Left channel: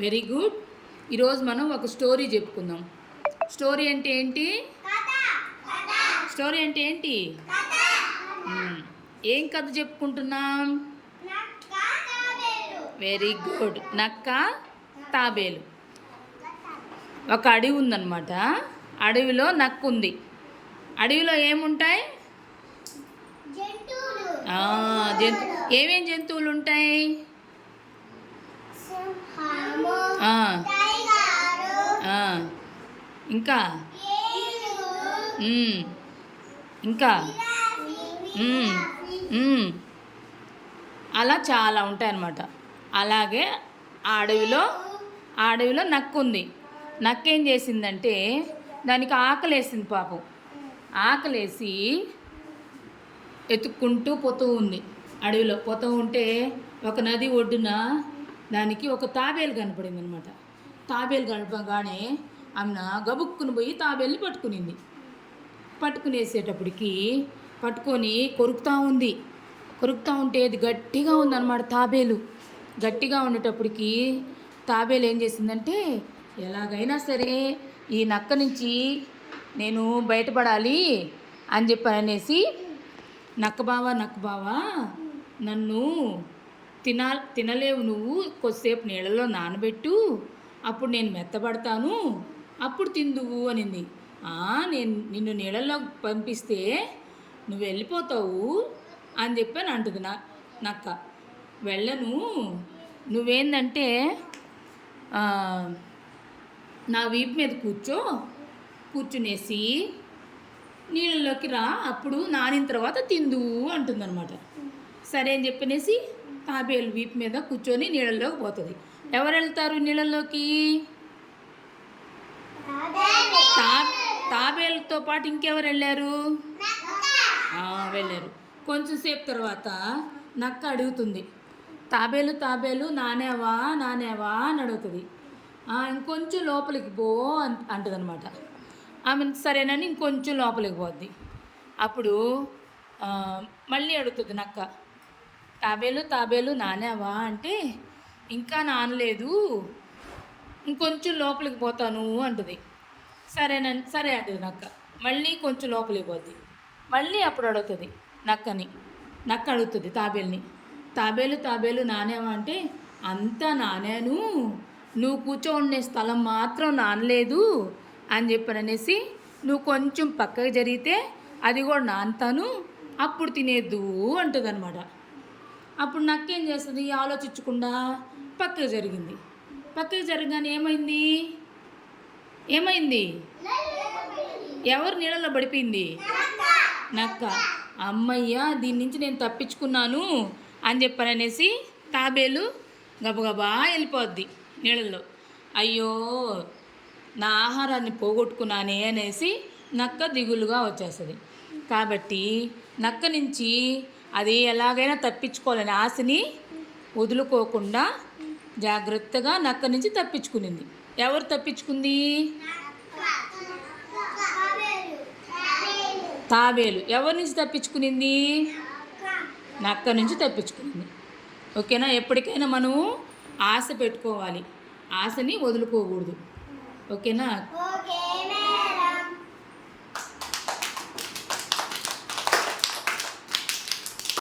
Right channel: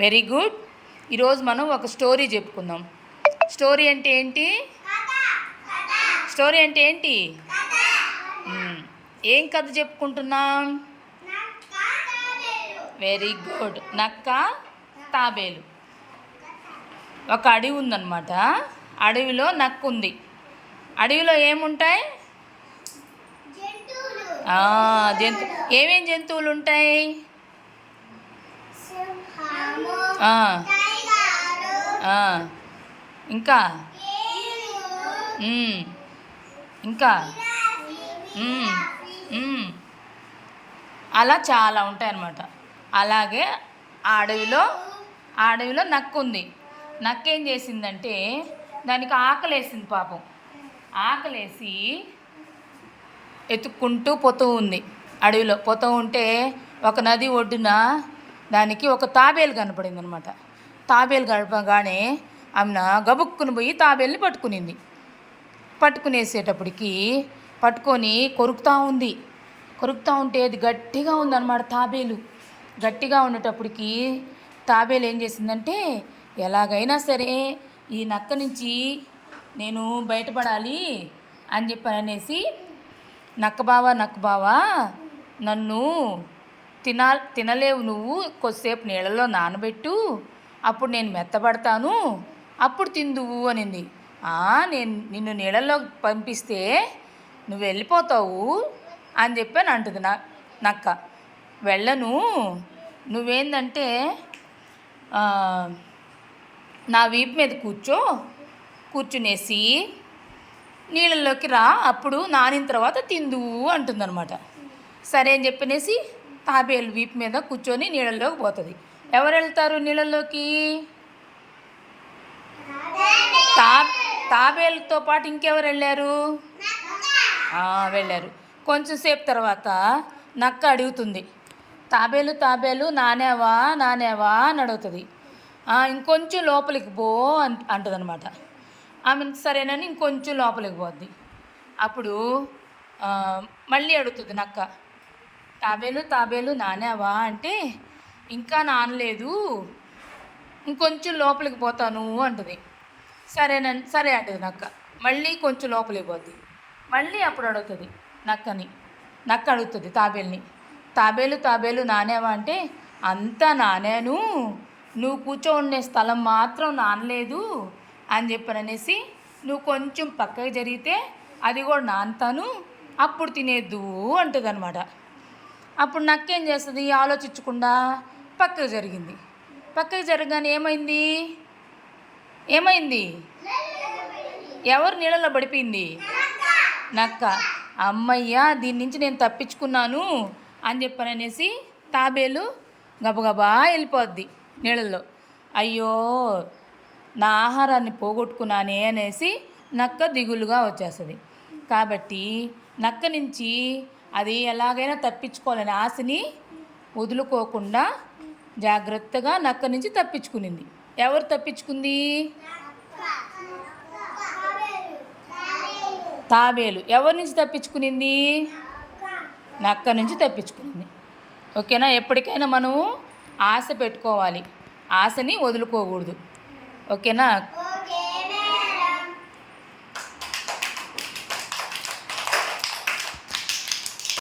Very good. ఈరోజు మనం ఒక స్టోరీ చెప్పుకుందాం. స్టోరీ అంటే ఏంటి? స్టోరీ అంటే ఏంటి? ఏం కథ చెప్పుకుంటున్నాం? Very good. నక్క తాబేలు. ఒక అడవి ఉందన్నమాట. అడవిలో నక్క ఉంది. అడవిలో ఏముంటాయి? ఏమేం జంతువులు ఉంటాయి? ఇంకా ఇంకా అలా చాలా ఉంటాయి అన్నమాట. అలాగే ఆ అడవిలో నక్క ఉంది. నక్క ఏం చేసిందంటే దానికి ఆకలేసింది పాపం. ఆకలేసి ఎత్తుక్కుంటూ పోతూ ఉంది. అడవిలో పోతూ ఉంటే ఒక నది ఒడ్డున దానికి ఒక తాబేలు కనపడింది అనమాట. తాబేలు గడపగానే ఆమె గబుక్కుని పోయి తాబేలుని పట్టుకునింది. పట్టుకునేసేటప్పటికి పట్టుకొని కొరుకుతూ ఉంటే అది గట్టిగా ఉందన్నమాట. తాబేలు గట్టిగా ఉండేటప్పటికి తాబేలు ఏం చేసిందంటే ఎలాగైనా సరే ఈ నక్క నుంచి నేను బయటపడాలి అని అనేసి నక్క బావా నన్ను తినలేవు, నువ్వు కొద్దిసేపు నీళ్ళలో నానబెట్టు, అప్పుడు నేను మెత్తబడతాను, అప్పుడు తిందువు అనింది. నేను నిన్ను నీళ్ళల్లో పంపిస్తే నువ్వు వెళ్ళిపోతావు అని అంటుంది నక్క. వెళ్ళను, నువ్వేందంటే నా వీపు మీద కూర్చునేసి నీళ్ళల్లోకి రా, అప్పుడు నానిన తర్వాత తిందువు అంటుందన్నమాట. సరే అని చెప్పనేసి తాబేలు వీపు మీద కూర్చొని నీళ్ళల్లోకి పోతుంది. ఎవరు వెళ్తారు నీళ్ళల్లోకి? తాబేలుతో పాటు ఇంకెవరు వెళ్ళారు? వెళ్ళారు. కొంచెంసేపు తర్వాత నక్క అడుగుతుంది, తాబేలు నానేవా అని అడుగుతుంది. ఇంకొంచెం లోపలికి పో అంటుందన్నమాట. ఆమె సరేనని ఇంకొంచెం లోపలికి పోద్ది. అప్పుడు మళ్ళీ అడుగుతుంది నక్క, తాబేలు నానేవా అంటే ఇంకా నానలేదు, ఇంకొంచెం లోపలికి పోతాను అంటుంది. సరే అంటుంది నక్క. మళ్ళీ కొంచెం లోపలికి పోద్ది. మళ్ళీ అప్పుడు అడుగుతుంది నక్క అడుగుతుంది తాబేలుని, తాబేలు నానేవా అంటే అంతా నానాను, నువ్వు కూర్చోండే స్థలం మాత్రం నానలేదు అని అనేసి నువ్వు కొంచెం పక్కకి జరిగితే అది కూడా నానుతాను, అప్పుడు తినేద్దు అంటుంది అనమాట. అప్పుడు నక్కేం చేస్తుంది? ఆలోచించకుండా పక్కకి జరిగింది. పక్కకి జరగగానే ఏమైంది? ఎవరు నీళ్ళలో పడిపోయింది? నక్క. అమ్మయ్య, దీని నుంచి నేను తప్పించుకున్నాను అని అనేసి తాబేలు గబగబా వెళ్ళిపోద్ది నీళ్ళల్లో. అయ్యో, నా ఆహారాన్ని పోగొట్టుకున్నానే అనేసి నక్క దిగులుగా వచ్చేస్తుంది. కాబట్టి నక్క నుంచి అది ఎలాగైనా తప్పించుకోవాలని ఆశని వదులుకోకుండా జాగ్రత్తగా నక్క నుంచి తప్పించుకునింది. ఎవరు తప్పించుకుంది? తాబేలు. ఎవరి నుంచి తప్పించుకునింది? నక్క నుంచి తప్పించుకునింది. ఓకేనా? ఎప్పటికైనా మనము ఆశ పెట్టుకోవాలి, ఆశని వదులుకోకూడదు. ఓకేనా?